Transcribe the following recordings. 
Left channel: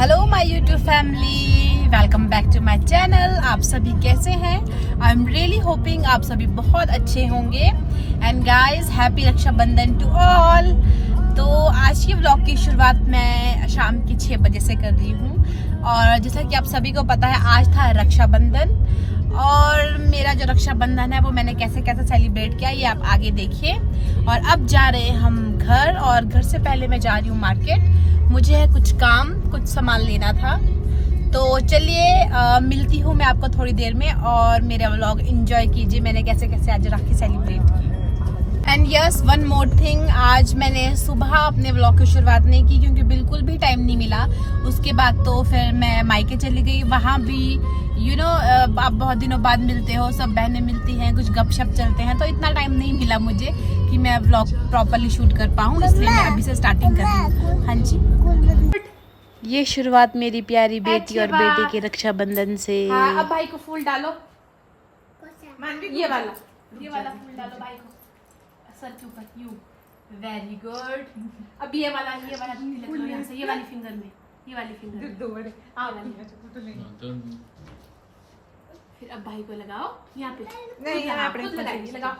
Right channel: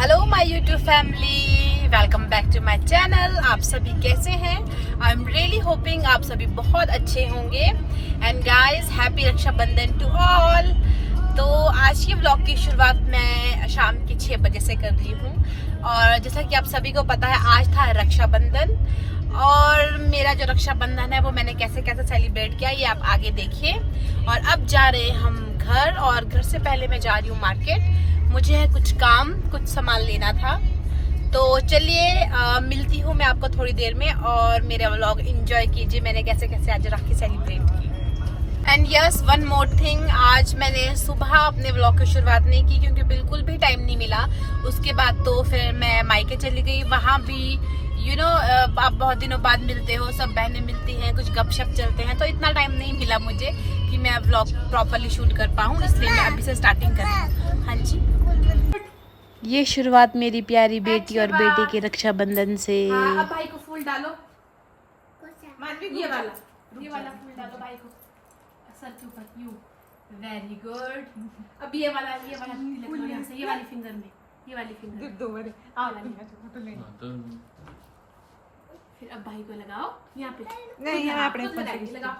Hello my YouTube family, welcome back to my channel. आप सभी कैसे हैं? आई एम रियली होपिंग आप सभी बहुत अच्छे होंगे। And guys, happy Raksha Bandhan to all. तो आज के व्लॉग की शुरुआत मैं शाम की 6 बजे से कर रही हूँ। और जैसा कि आप सभी को पता है, आज था रक्षाबंधन। और मेरा जो रक्षाबंधन है वो मैंने कैसे कैसे सेलिब्रेट किया ये आप आगे देखिए। और अब जा रहे हैं हम घर, और घर से पहले मैं जा रही हूँ मार्केट। मुझे है कुछ काम, कुछ सामान लेना था। तो चलिए मिलती हूँ मैं आपको थोड़ी देर में, और मेरा व्लॉग एंजॉय कीजिए मैंने कैसे कैसे आज राखी सेलिब्रेट की। And yes, one more thing, आज मैंने सुबह अपने व्लॉग की शुरुआत नहीं की क्योंकि बिल्कुल भी टाइम नहीं मिला। उसके बाद तो फिर मैं मायके चली गई। वहाँ भी आप बहुत दिनों बाद मिलते हो, सब बहनें मिलती हैं, कुछ गपशप चलते हैं, तो इतना टाइम नहीं मिला मुझे कि मैं व्लॉग प्रॉपरली शूट कर पाऊँ। इसलिए मैं अभी से स्टार्टिंग कर रही हूँ। हाँ जी, ये शुरुआत मेरी प्यारी बेटी और बेटे के रक्षाबंधन से। अब भाई को फूल डालो, ये वाला फूल डालो भाई को सर के ऊपर। You very good. अब ये वाला तिलक लो यहाँ से, ये वाली फिंगर में, ये वाली फिंगर में। फिर अब भाई को लगाओ यहाँ पे। नहीं, यहाँ पे खुद लगाएंगे, लगाओ।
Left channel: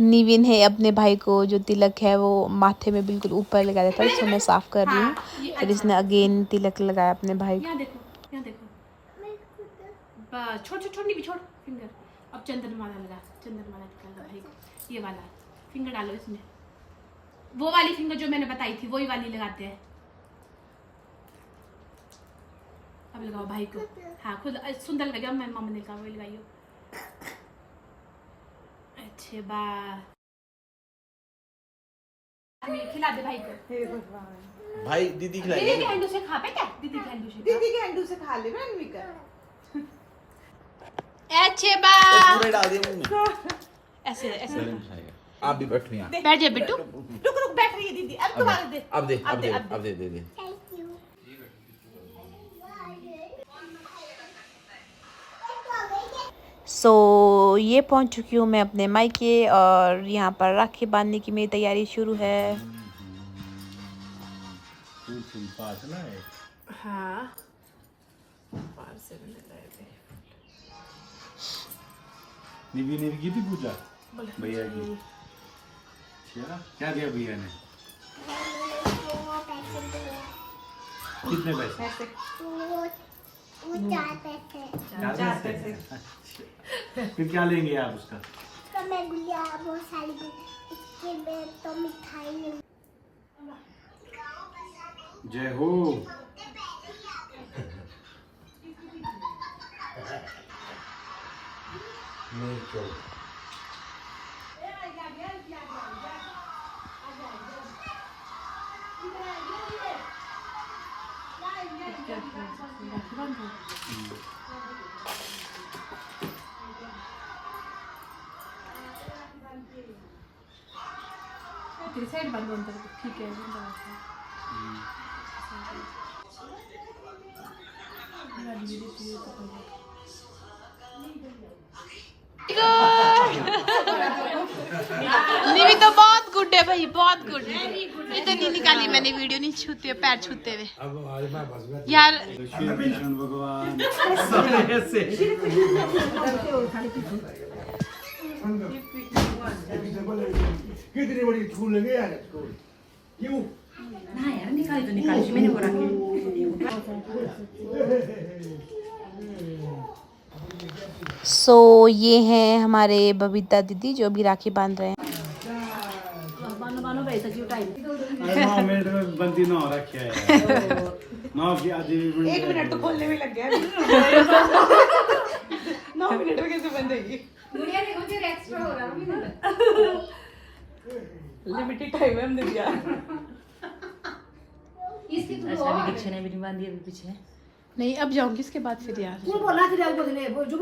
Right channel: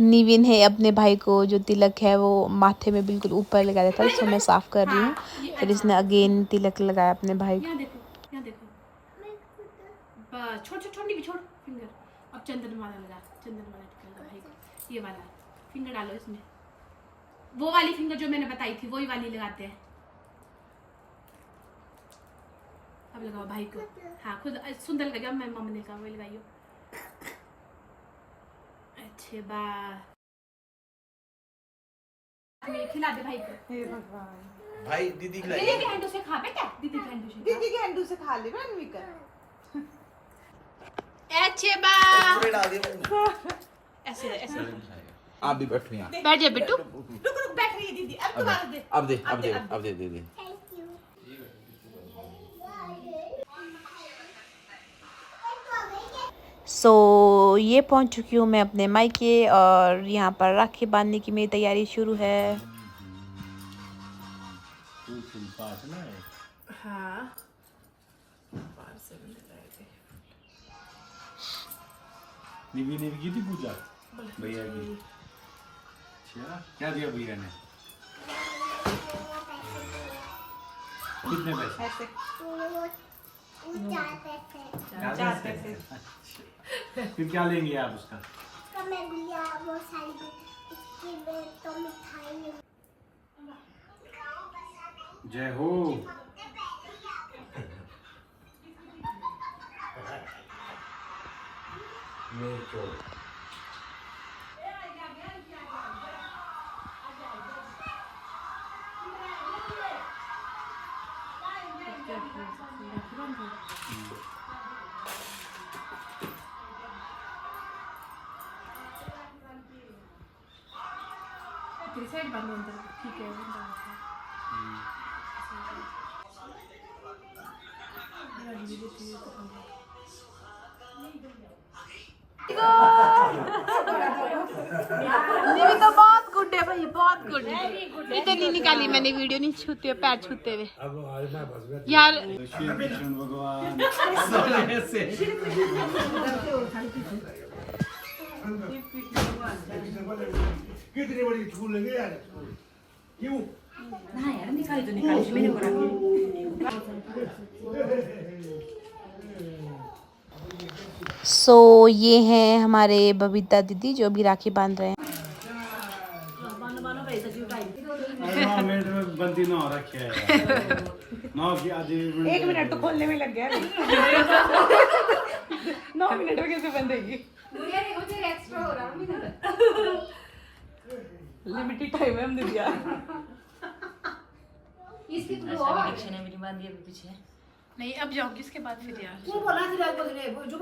निविन है अपने भाई को जो तिलक है वो माथे में बिल्कुल ऊपर लगा देता है, इसको मैं साफ कर रही हूँ। फिर इसने अगेन तिलक लगाया अपने भाई को। यहाँ देखो, यहाँ देखो, छोड़ छोड़ छोड़, नहीं छोड़ फिंगर। अब चंदनमाला लगा, चंदनमाला निकाल लो भाई को। ये वाला फिंगर डालो इसमें, वो वाली फिंगर जो मैंने बताई थी वही वाली लगाते हैं। अब लगाओ भाई को। हाँ, खुद सुंदर लगाओ, मैं मम्मा ने कहा वही लगाइयो। अच्छे बा, खिला दे भाई को। भाई दीदी खिला, दीदी के हैंडू से खा बेटा, दीदी के हैंडू से, दीदी के हैंडू से खा ले ना अनविका। अच्छे बा, ऐसे ऐसे आप भी बैठो यहाँ, बैठ जा बेटू। रुक रुक, बैठ रही है दीदी। अब दोबारा दे, अब दे दे। Thank you. सो ये पहुंच चुकी हूँ मैं अपने मायके, और यहाँ पर राखी बांधने की मेरी तैयारी शुरू है। हाँ, निवी की थी पूजा भैया की। क्या दिया भैया ने? कितने पैसे? 4 पैसे। फिर क्या लेंगे आप उसका? मैं गुड़िया, वो सारी तो मिठाई। जय हो। साइड बंद अंदर, ठीक है। निवी तो बहुत गुड है भाई, बहुत गुड है। इतनी निकाली मैंने वीडियो, नहीं छूते पैर छूते हुए यार। कृष्ण भगवान कितनी बड़ी फूल लगे यार, क्यों ना यार, निकाली तो निकाली, मैंने वो रखी। सो ये हैं हमारे बबीता दीदी जो भी राखी बांध रहे हैं। 9 मिनट में बंदी ना हो रखी है। 9 की आधी 1 मिनट तो खोलने में लग गया। 9 मिनट में कैसे बंदेगी? मुझे एक्स्ट्रा हो रहा है, लिमिटेड टाइम है हमने दिया। इसकी तो पीछे ने मेरी बांधी है पीछे। नहीं, अब जाऊंगी इसके बाद फिर यार। तू बोला कि बगले वो जो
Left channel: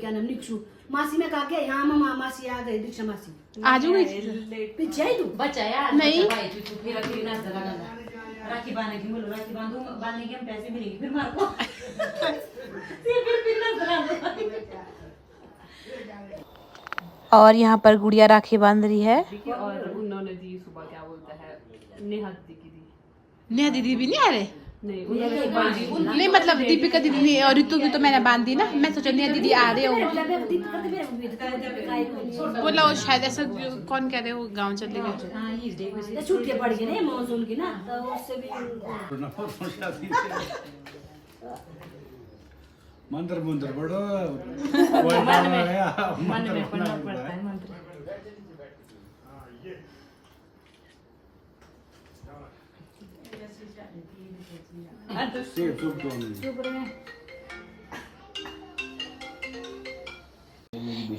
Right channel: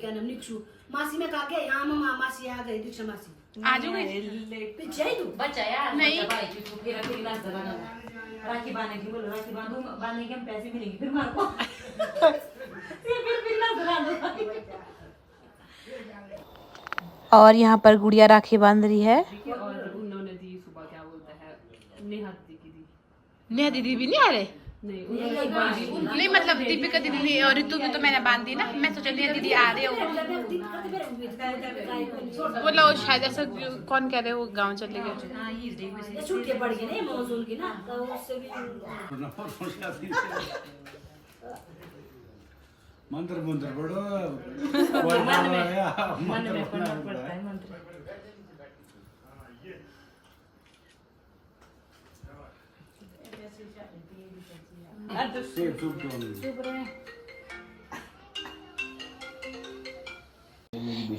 क्या नाम निक्षु मासी में कहा के यहां मामा मासी आ गई, दीक्षा मासी आ जाऊंगी पीछे ही तू बच्चा यार नहीं भाई तू फिर अकेले नाच लगा राखी बांधने की बोलो, राखी बांधने के हम पैसे मिलेंगे फिर मार को फिर नाच लगा। और यहाँ पर गुड़िया राखी बांध रही है। और उन्होंने दी सुबह, क्या बोलते हैं, नेहा दी की दी। नेहा दीदी भी नहीं आ रहे? नहीं उन्होंने बांधी नहीं मतलब दीपिका दीदी और ऋतु की तो मैंने बांधी ना, मैं सोचा नेहा दीदी आ रहे हो। बोला वो शायद ऐसा कौन कह रहे हो गाँव चले गए। छुट्टियां पड़ गई ना मानसून की ना, तो उससे भी मंत्र मंत्र पढ़ो मन में पढ़ना पड़ता है मंत्र।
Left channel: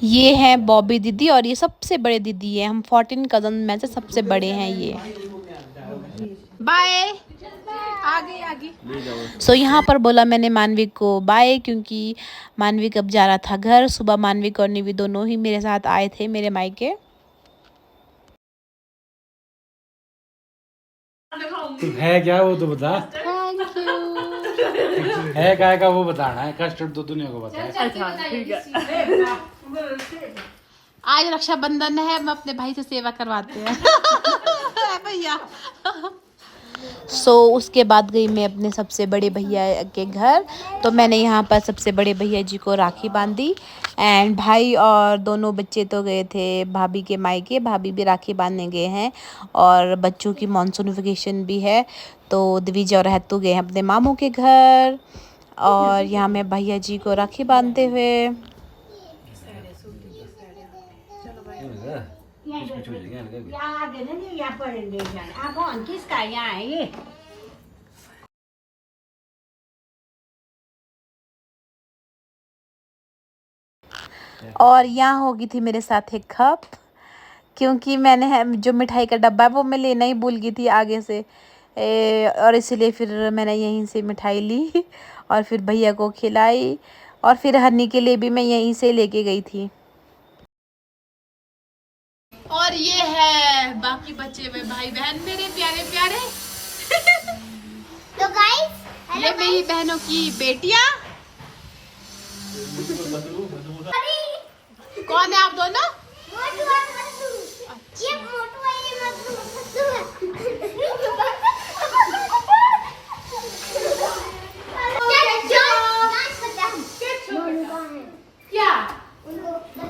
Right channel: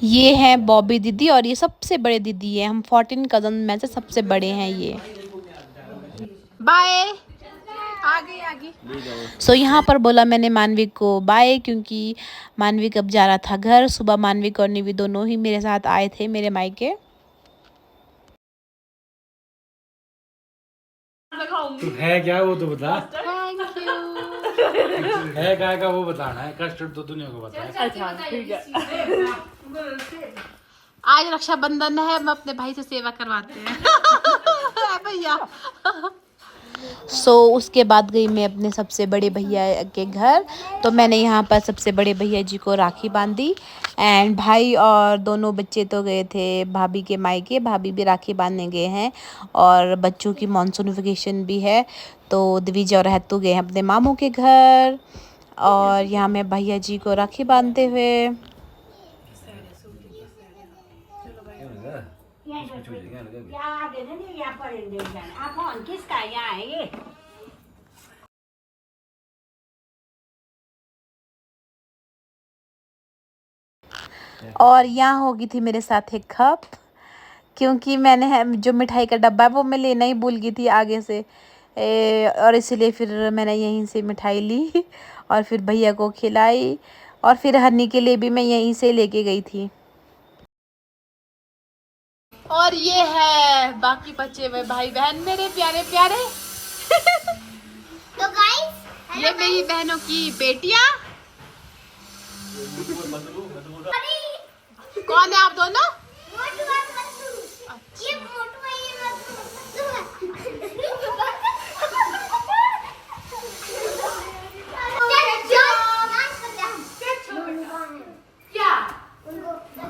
ये है बॉबी दीदी और ये सबसे बड़े दीदी है, हम 14 कजन में से सबसे बड़े हैं ये। बाय। आगे सो यहाँ पर बोला मैंने मानविक को बाय, क्योंकि मानविक अब जा रहा था घर। सुबह मानविक और निवी दोनों ही मेरे साथ आए थे मेरे मायके। तो है क्या वो तो बता। Thank you. है क्या का वो बताना है, कस्टर्ड तो दुनिया को बता है। अच्छा ठीक है। आज रक्षाबंधन है, हम अपने भाई से सेवा करवाते हैं भैया। उसके बाद गई मैं अपने सबसे बड़े भैया के घर। तो मैंने यहाँ पर सबसे बड़े भैया जी को राखी बांधी एंड भाई और दोनों बच्चे तो गए थे भाभी के मायके, भाभी भी राखी बांधने गए हैं। और बच्चों की मानसून वेकेशन भी है, तो दिविजा और हेतु गए हैं अपने मामू के घर। और यहाँ मैं भैया जी को राखी बांधते हुए। और यहाँ होगी थी मेरे साथ एक कप, क्योंकि मैंने जो मिठाई का डब्बा है वो मैं लेना ही भूल गई थी आगे से, और इसलिए फिर मैंने यहीं से मिठाई ली और फिर भैया को खिलाई। और फिर हनी के लिए भी मैं यहीं से लेके गई थी। और ये है बाकी बच्चे हुए भाई बहन मेरे प्यारे प्यारे तो गाइस ये मेरी बहनों की बेटियां। कौन है आप दोनों? मोटू और मत्सू। ये मोटू है, ये मत्सू है।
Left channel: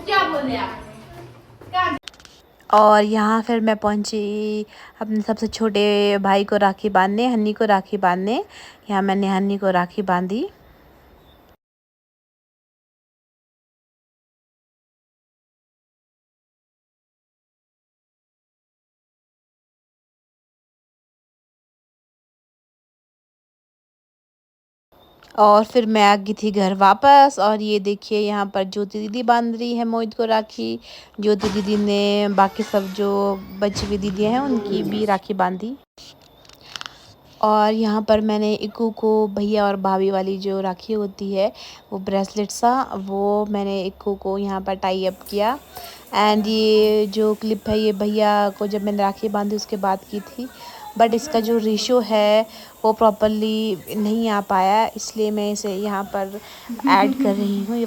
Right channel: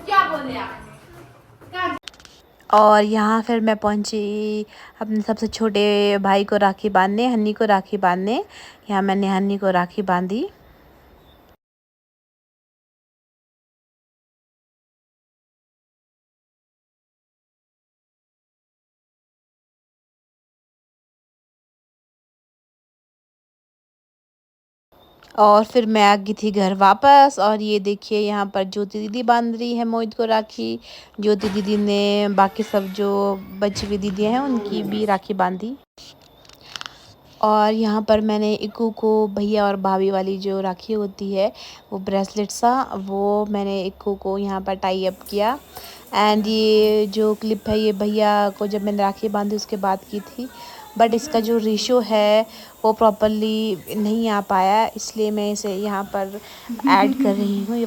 क्या बोले आप? और यहाँ फिर मैं पहुँची अपने सबसे छोटे भाई को राखी बांधने, हन्नी को राखी बांधने। यहाँ मैंने हन्नी को राखी बांधी। और फिर मैं आ गई थी घर वापस। और ये देखिए यहाँ पर ज्योति दीदी बांध रही है मोहित को राखी। ज्योति दीदी ने बाकी सब जो बची हुई दीदी हैं उनकी भी राखी बांधी। और यहाँ पर मैंने इक्कू को भैया और भाभी वाली जो राखी होती है वो ब्रेसलेट सा, वो मैंने इक्कू को यहाँ पर टाई अप किया। एंड ये जो क्लिप है ये भैया को जब मैंने राखी बांधी उसके बाद की थी, बट इसका जो रेशो है वो प्रॉपरली नहीं आ पाया, इसलिए मैं इसे यहाँ पर ऐड कर रही हूँ।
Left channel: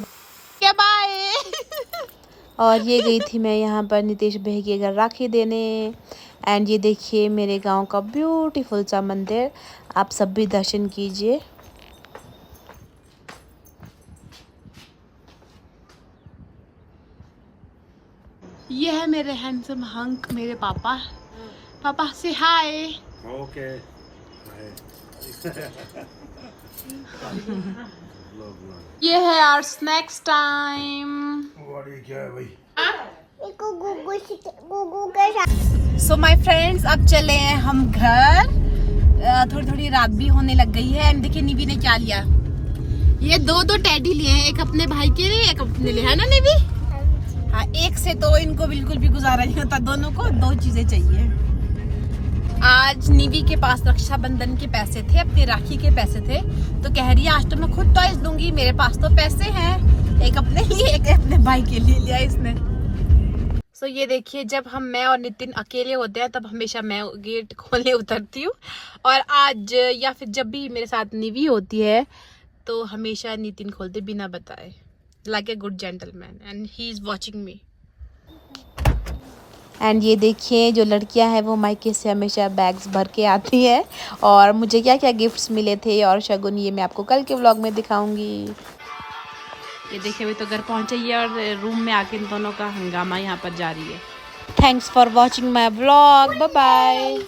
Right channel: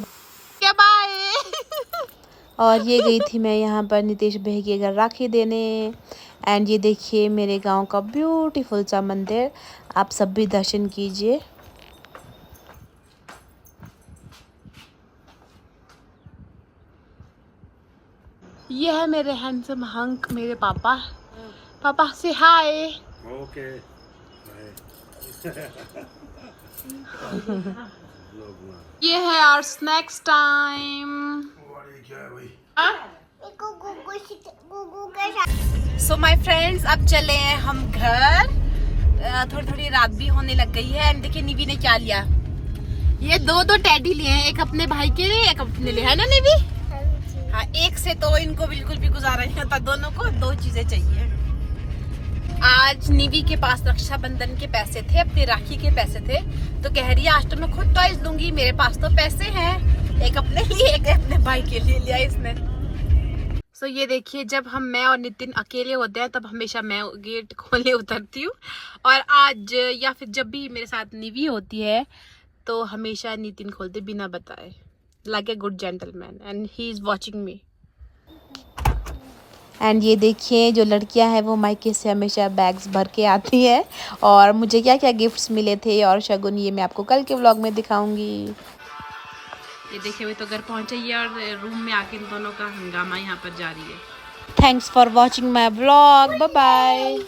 क्या बाय। और ये गई थी मैं यहाँ पर नितेश भाई के घर राखी देने। एंड ये देखिए मेरे गांव का ब्यूटीफुल सा मंदिर, आप सब भी दर्शन कीजिए। ये है मेरे हैंडसम हंक, मेरे पापा। पापा से हाय। ओके ये है our snacks time. So my friends, अब चले हैं हम घर। थोड़ी थोड़ी रात भी होने लग गई है। एंड देखिए निवी ने क्या लिया, ये दो टेडी लिए हैं, एक अपने भाई के लिए एक अपने लिए, है ना निवी? हाँ, एक से तो इनको बिल्कुल भी गुजारा नहीं होता, दोनों को दो चीजें चाहिए। आज निवी के पास रक्षाबंधन के पैसे थे, अपनी राखी के पैसे थे, तो कह रही है आज तो मैं खुद टॉयज लूंगी, मेरे पास तो पैसे हैं। एक अपने लिए एक अपने भाई के लिए लिया इसने। सो ये देखिए, जब मैं और नितिन अकेले होते हैं तब हमेशा मैं गेट खोलने उतरती हूँ, और आज या फिर जब भी मेरे साथ निवी होती है तो हमेशा नितिन खोलते बिना बताए, like a good gentleman, and he is watching me. And ये देखिए जो लड़कियां हैं वो मायके से हमेशा बैग्स भर के आती हैं। और मुझे क्या क्या गिफ्ट्स मिले थे और शगुन ये मैं आपको कल के व्लॉग में दिखाऊंगी। ये देखिए अभी तो घर पहुंचे ही है और रूम में आके इन दोनों का हंगामा यहाँ पर जारी है। Thanks for watching my vlog, bye bye.